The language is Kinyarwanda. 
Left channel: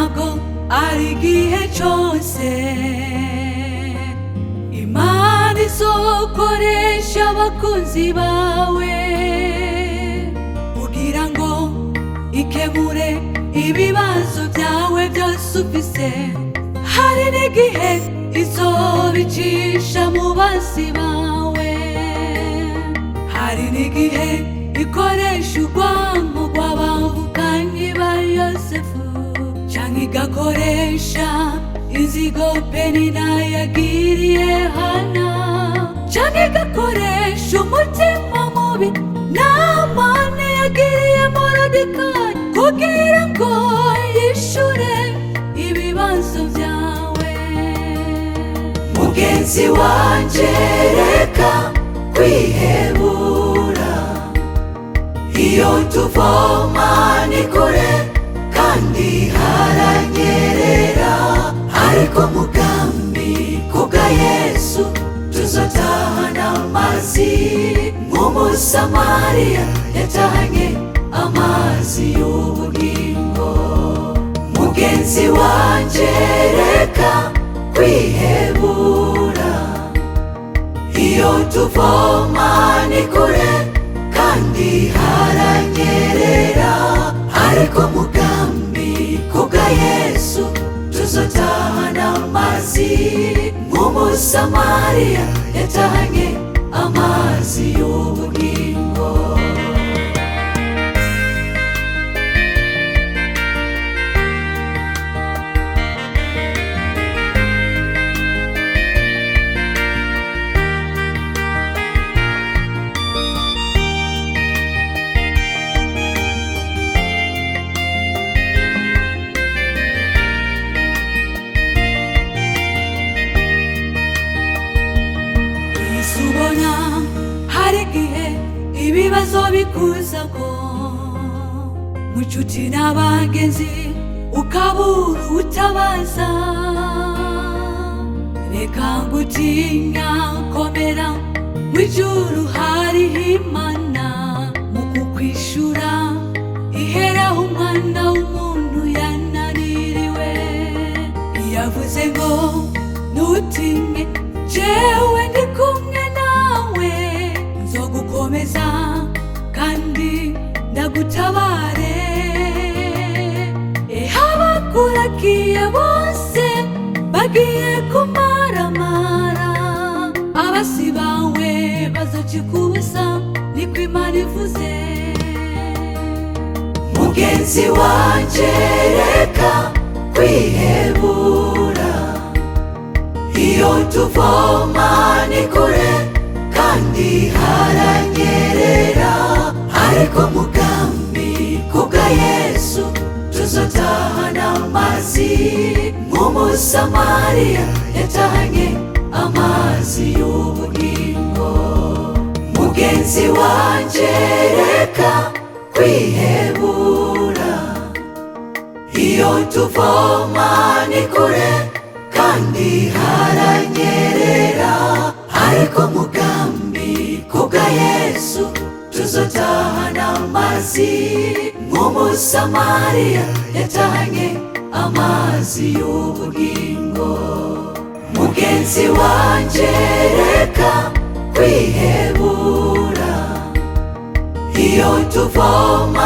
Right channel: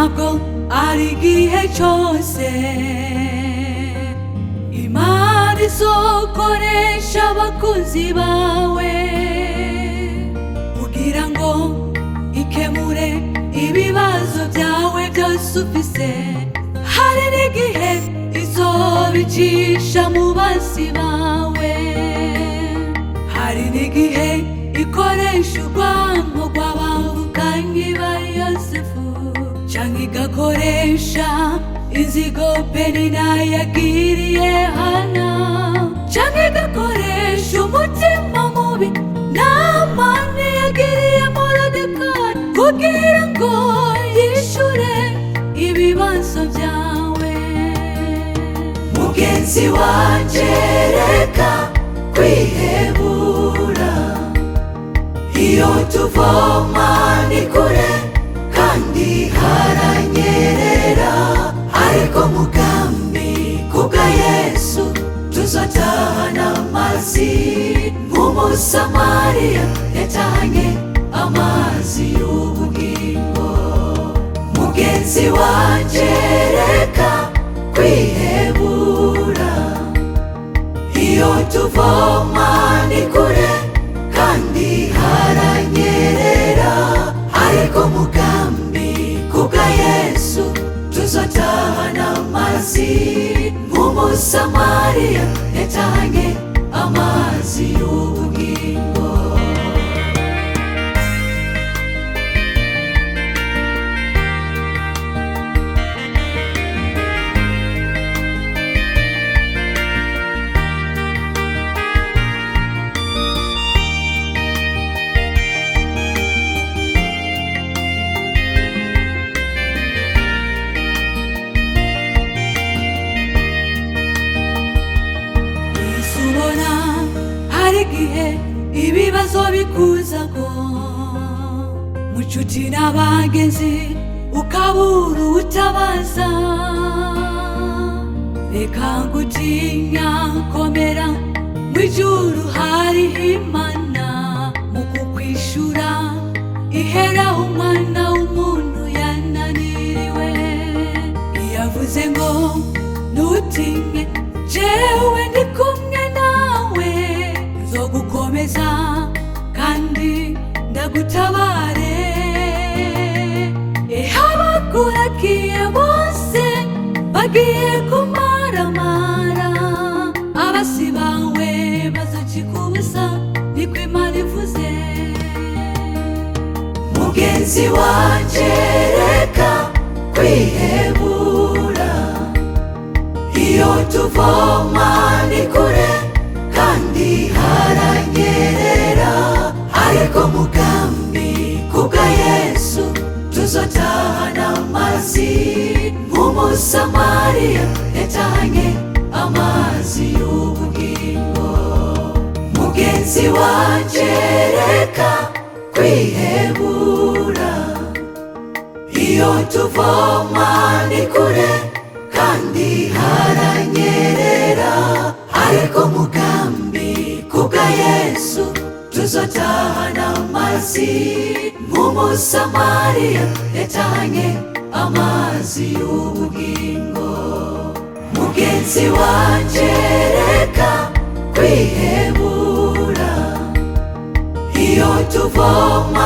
ntabwo ari igihe cyose Imana izokoresha abakunzi bawe kugira ngo ikemure ibibazo byawe byose ufise. Hari n'igihe izobicisha mu bansi bawe, hari n'igihe ikoresha urwango rw'abavukanyi ba Yosefu, canke igakoresha inzigo Penina yagiriye Hana, canke igakoresha umutima mubi Namani yagiriye Moridekayi kugira ngo yishure ibibazo byawe. Mugenzi wanje reka kwihebura, iyo tuvoma ni kure kandi haranyerera, ariko mugambi kubwa Yesu tuzotahana amazi nk'umusamariya yatahanye amazi y'ubugingo. Mugenzi wanje reka kwihebura, iyo tuvoma ni kure kandi haranyerera, ariko mugambi kubwa Yesu tuzotahana amazi nk'umusamariya yatahanye amazi y'ubugingo. Subona hari igihe ibibazo bikuzako mu nshuti n'abagenzi, ukabura utabaza. Reka ngutinya, komera, mw'ijuru hariho Imana mu kukwishura iheraho umwana w'umuntu yananiriwe. Yavuze ngo ntutinye, jewe ndi kumwe nawe, nzogukomeza kandi ndagutabare. Abakurakiye bose bagiye kumaramara, abasi bawe bazocika ubusa, niko Imana ivuze. Mugenzi wanje reka kwihebura, iyo tuvoma ni kure kandi haranyerera, ariko mugambi kubwa Yesu tuzotahana amazi nk'umusamariya yatahanye amazi y'ubugingo. Mugenzi wanje reka kwihebura, iyo tuvoma ni kure kandi haranyerera, ariko mugambi kubwa Yesu tuzotahana amazi nk'umusamariya yatahanye amazi y'ubugingo. Mugenzi wanje reka kwihebura, iyo tuvoma